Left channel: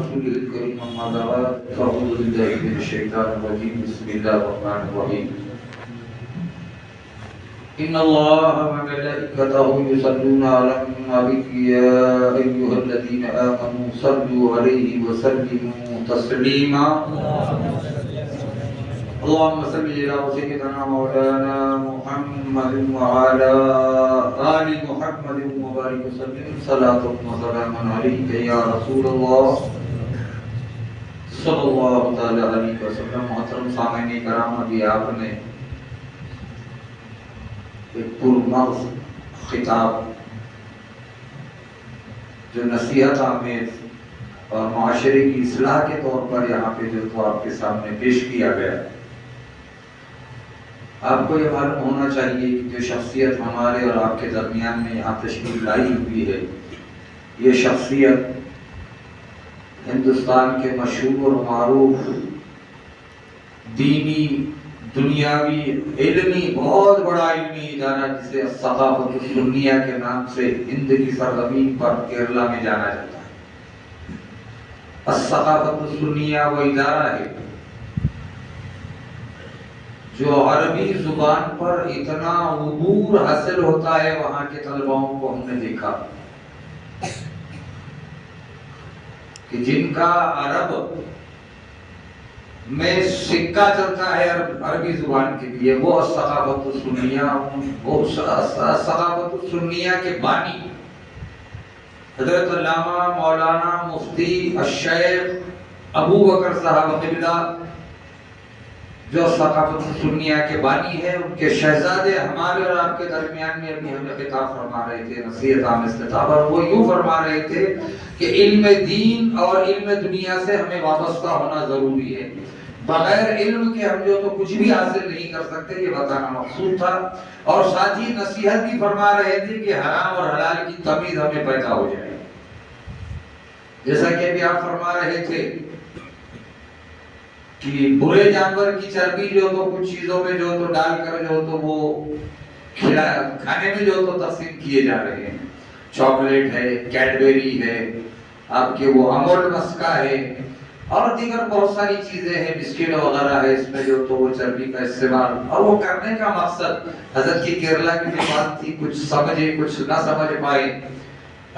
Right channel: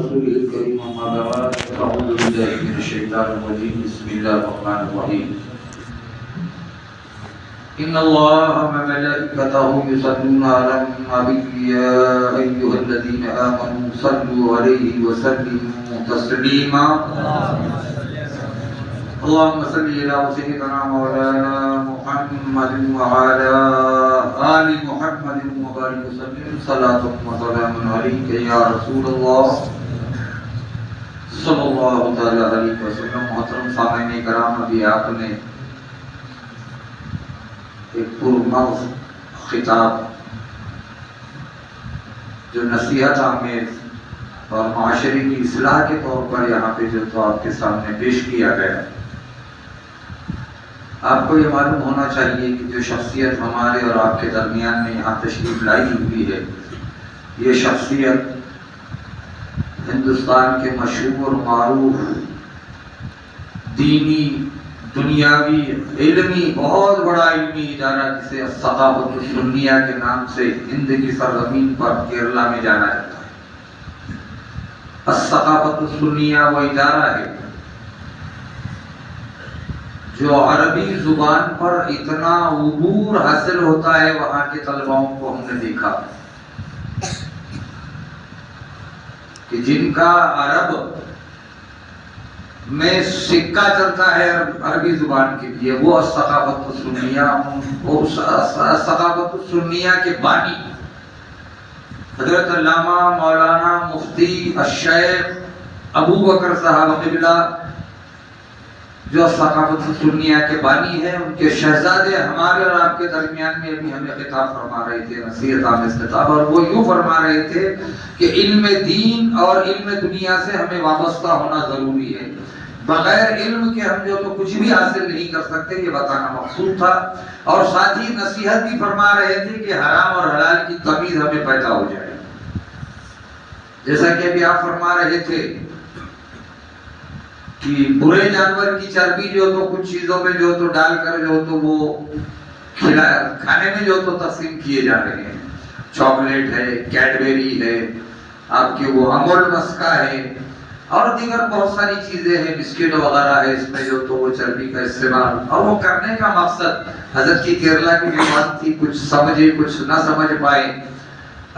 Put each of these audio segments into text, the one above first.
رسوله الكريم أما بعد أعوذ بالله من الشيطان الرجيم بسم الله الرحمن الرحيم إن الله وملائكته يصلون على النبي يا أيها الذين آمنوا صلوا عليه وسلموا تسليما اللهم صل على سيدنا مولانا محمد وعلى آل محمد وبارك وسلم صلاة وسلام عليك يا رسول الله صلی اللہ تعالی علیہ وسلم. محترم سامعین کرام، ابھی آپ نے ایک پرمغز خطاب جو نصیحت آمیز اور معاشرے کی اصلاح کے طور پر یہاں پہ جو تو آپ کے سامنے پیش کیا گیا. آپ کو یہ معلوم ہونا چاہیے کہ جو شخصیت ہمارے اور آپ کے درمیان میں یہاں تشریف لائی ہوئی ہے، یہ شخصیت ہندوستان کے مشہور معروف دینی، دنیاوی، علمی، بہت بڑا علمی ادارہ جسے ثقافت السنیہ کے نام سے ہند کی سرزمین پر کیرلا میں جانا جاتا ہے. الثقافت السنیہ وہ ادارہ ہے جو عربی زبان پر اتنا عبور حاصل ہوتا ہے. وہاں کے طلباؤں کو ہم نے دیکھا کہ جن کا عرب میں سکہ چلتا ہے عربی زبان کے لیے، وہ ثقافت السنیہ کے بانی حضرت علامہ مولانا مفتی الشیخ ابو بکر صاحب قبلہ جو ثقافت السنیہ کے بانی ہیں، ان کے شہزادے ہمارے اور آپ کے درمیان میں ابھی ہمیں خطاب فرما رہے تھے، نصیحت آمیز خطاب، اور وہ یوں فرما رہے تھے کہ علم دین اور علم دنیا سے ہمیں وابستہ ہونا ضروری ہے. بغیر علم کے ہم جو تو کچھ بھی حاصل نہیں کر سکتے، یہ بتانا مقصود تھا. اور ساتھ ہی نصیحت بھی فرما رہے تھے کہ حرام اور حلال کی تمیز ہمیں پیدا ہو جائے. جیسا کہ ابھی آپ فرما رہے تھے کہ برے جانور کی چربی جو تو کچھ چیزوں میں جو تو ڈال کر جو تو وہ کھانے میں جو تو تقسیم کیے جا رہے ہیں. چاکلیٹ ہے، کیڈبری ہے، آپ کے وہ امول مسکا ہے، اور دیگر بہت ساری چیزیں ہیں، بسکٹ وغیرہ ہے، اس میں جو تو وہ چربی کا استعمال. اور وہ کرنے کا مقصد حضرت کی کیرلا کی جو بات تھی، کچھ سمجھے کچھ نہ سمجھ پائے.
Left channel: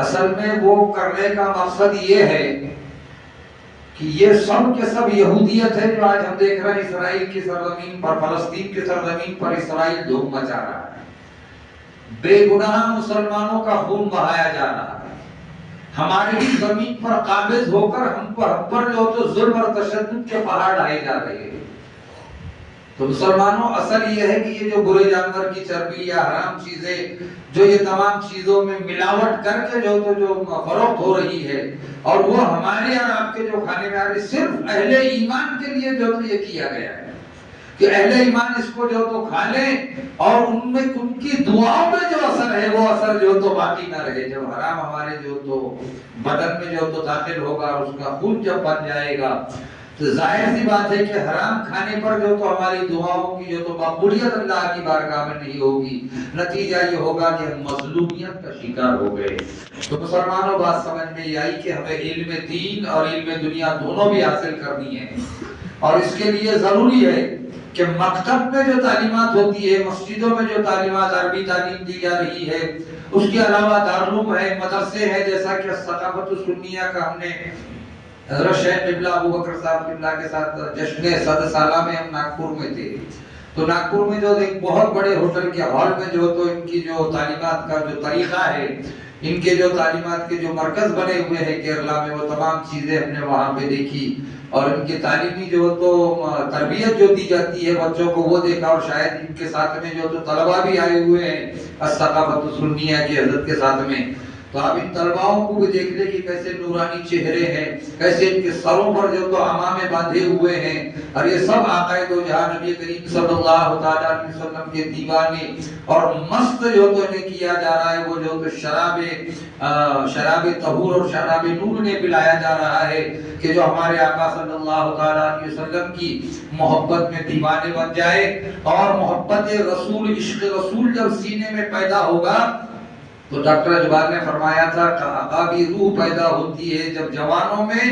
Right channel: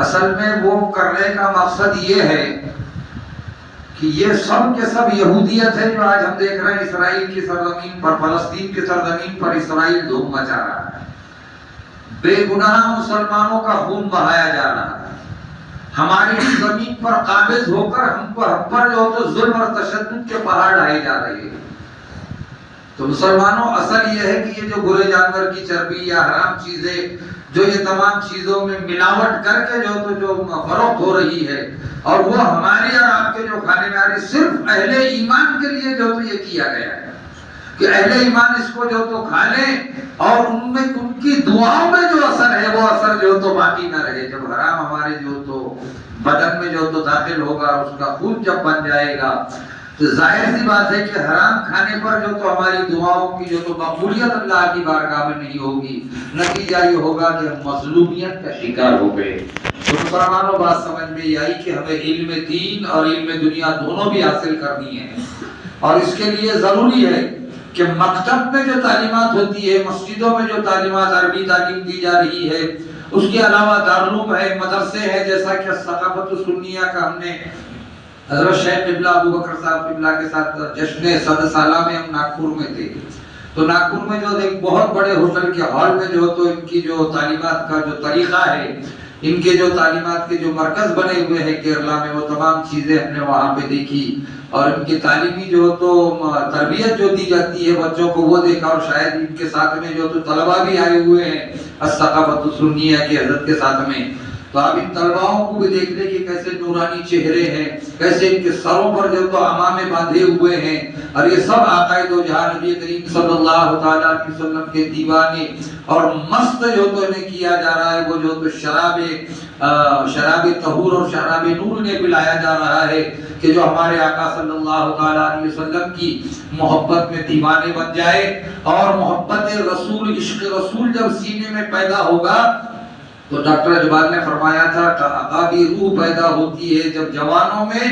اصل میں وہ کرنے کا مقصد یہ ہے کہ یہ سب کے سب یہودیت ہے جو آج ہم دیکھ رہے ہیں اسرائیل کی سرزمین پر، فلسطین کی سرزمین پر اسرائیل دھوم مچا رہا ہے. بے گناہ مسلمانوں کا خون بہایا جا رہا ہے. ہماری زمین پر قابض ہو کر ہم پر جو تو ظلم اور تشدد کے پہاڑ ڈھائے جا رہے ہیں. تو مسلمانوں، اصل یہ ہے کہ یہ جو برے جانور کی چربی یا حرام چیزیں جو یہ تمام چیزوں میں ملاوٹ کر کے جو فروخت ہو رہی ہے، اور وہ ہمارے اور آپ کے جو کھانے میں آ رہی، صرف اہل ایمان کے لیے جو تو یہ کیا گیا ہے کہ اہل ایمان اس کو جو تو کھا لیں اور ان میں ان کی دعاؤں میں جو اثر ہے وہ اثر جو تو باقی نہ رہے. جب حرام ہمارے جو تو بدن میں جو تو داخل ہوگا، اس کا خون جب بن جائے گا، تو ظاہر سی بات ہے کہ حرام کھانے پر جو تو ہماری دعاؤں کی جو تو مقبولیت اللہ کی بارگاہ میں نہیں ہوگی. نتیجہ یہ ہوگا کہ ہم مظلومیت کا شکار ہو گئے. تو مسلمانوں، بات سمجھ میں یہ آئی کہ ہمیں علم دین اور علم دنیا دونوں بھی حاصل کرنی ہے. اور اس کے لیے ضروری ہے کہ مکتب میں جو تعلیمات ہوتی ہے، مسجدوں میں جو تعلیمات عربی تعلیم دی جا رہی ہے، اس کے علاوہ دارالعلوم ہے، مدرسے ہیں، جیسا کہ ثقافت السنیہ کا ہم نے حضرت شیخ قبلہ ابو بکر صاحب قبلہ کے ساتھ جشن 100 سالہ میں ہم ناگپور میں تھے. تو ناگپور میں جو ایک بہت بڑے ہوٹل کے ہال میں جو تو ان کی جو تعلیمات کا جو طریقہ ہے، ان کے جو تعلیمات کے جو مرکز بنے ہوئے ہیں کیرلا میں، وہ تمام چیزیں ہم نے وہاں پہ دیکھی. اور ان کی تعلیمی جو تو تربیت جو دی جاتی ہے بچوں کو، وہ دیکھا. اور شاید ان کے ساتھ میں جو تو طلبہ بھی آئے ہوئے ہیں الثقافت السنیہ کی حضرت کے ساتھ میں. تو آپ ان طلباؤں کو بھی دیکھ لیں کہ کیسے نورانی چہرے ہیں، کیسے ان کے سروں پر جو تو عمامے باندھے ہوئے ہیں. اور یہ سب آقا دو جہاں نبی کریم صلی اللہ تعالیٰ علیہ وسلم کے دیوانے اور مست جو تو انہیں کیا جا رہا ہے. وہ جو تو شراب طہور اور شراب نور نے پلایا جا رہا ہے کہ جو ہمارے آقا صلی اللہ تعالیٰ علیہ وسلم کی محبت میں دیوانے بن جائے. اور محبت رسول، عشق رسول جب سینے میں پیدا ہوگا تو ڈاکٹر اجبال نے فرمایا تھا کہ عقابی روح پیدا ہوتی ہے جب جوانوں میں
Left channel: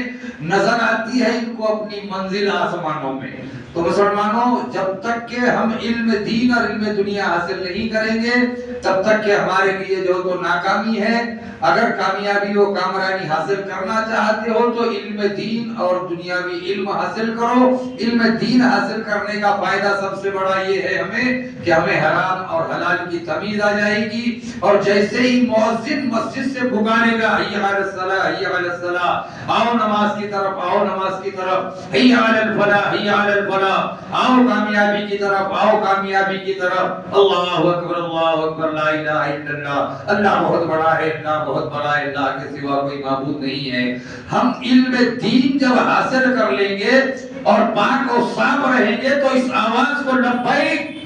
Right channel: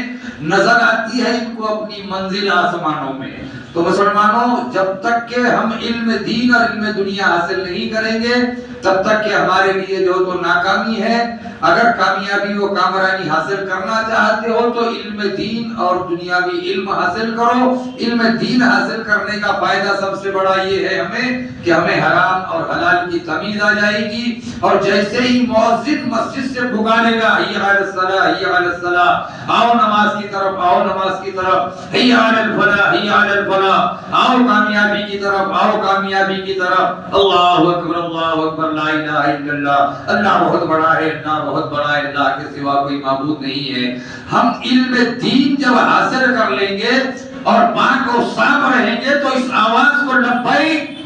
نظر آتی ہے ان کو اپنی منزل آسمانوں میں. تو مسلمانوں جب تک کہ ہم علم دین اور علم دنیا حاصل نہیں کریں گے تب تک کہ ہمارے لیے جو تو ناکامی ہے. اگر کامیابی و کامرانی حاصل کرنا چاہتے ہو تو علم دین اور دنیاوی علم حاصل کرو. علم دین حاصل کرنے کا فائدہ سب سے بڑا یہ ہے ہمیں کہ ہمیں حرام اور حلال کی تمیز آ جائے گی. اور جیسے ہی مؤذن مسجد سے پکارے گا حی علی الصلاۃ حی علی الصلاۃ، آؤ نماز کی طرف، آؤ نماز کی طرف، حی علی الفلاح حی علی الفلاح، آؤ کامیابی کی طرف، آؤ کامیابی کی طرف. اللہ اکبر اللہ اکبر، لا الہ الا اللہ، اللہ بہت بڑا ہے، اللہ بہت بڑا ہے، اللہ کے سوا کوئی معبود نہیں ہے. ہم علم دین جب حاصل کر لیں گے اور پاک و صاف رہیں گے تو اس آواز کو لبیک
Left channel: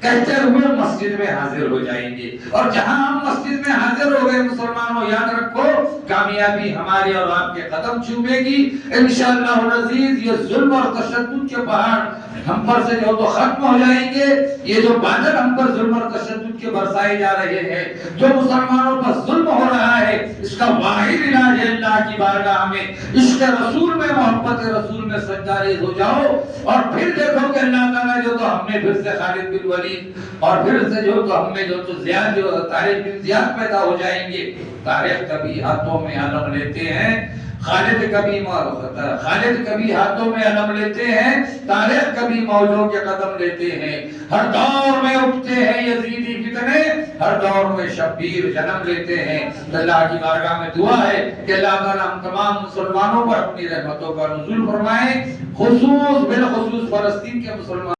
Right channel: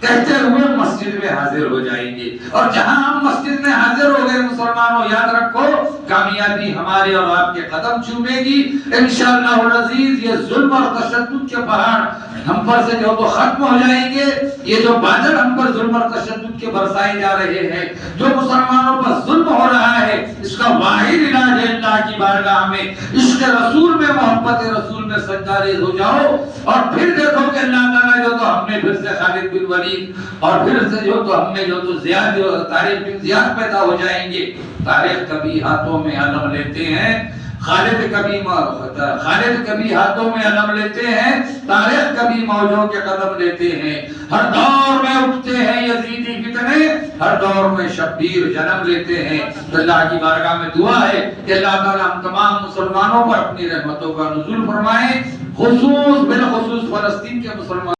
کہتے ہوئے مسجد میں حاضر ہو جائیں گے. اور جہاں ہم مسجد میں حاضر ہو گئے مسلمانوں، یاد رکھو کامیابی ہمارے اور آپ کے قدم چومے گی انشاءاللہ العزیز. یہ ظلم اور تشدد کے پہاڑ ہم پر سے جو تو ختم ہو جائیں گے. یہ جو بادل ہم پر ظلم اور تشدد کے برسائے جا رہے ہیں، جو مسلمانوں پر ظلم ہو رہا ہے، اس کا واحد علاج ہے اللہ کی بارگاہ میں عشق رسول میں، محبت رسول میں سجدہ ریز ہو جاؤ. اور پھر دیکھو کہ اللہ تعالیٰ جو تو ہم نے پھر سے خالد بن ولید اور پھر سے جو تو ہم میں جو تو زیاد جو طارق بن زیاد پیدا ہو جائیں گے. طارق کبھی ہاتھوں میں علم لیتے ہیں، خالد کبھی ہاتھوں میں علم لیتے ہیں، طارق کبھی موجوں کے قدم لیتے ہیں. ہر دور میں اٹھتے ہیں یزیدی فتنے، ہر دور میں شبیر جنم لیتے ہیں. اللہ کی بارگاہ میں دعا ہے کہ اللہ تعالیٰ ہم تمام مسلمانوں پر اپنی رحمتوں کا نزول فرمائے، بالخصوص فلسطین کے مسلمان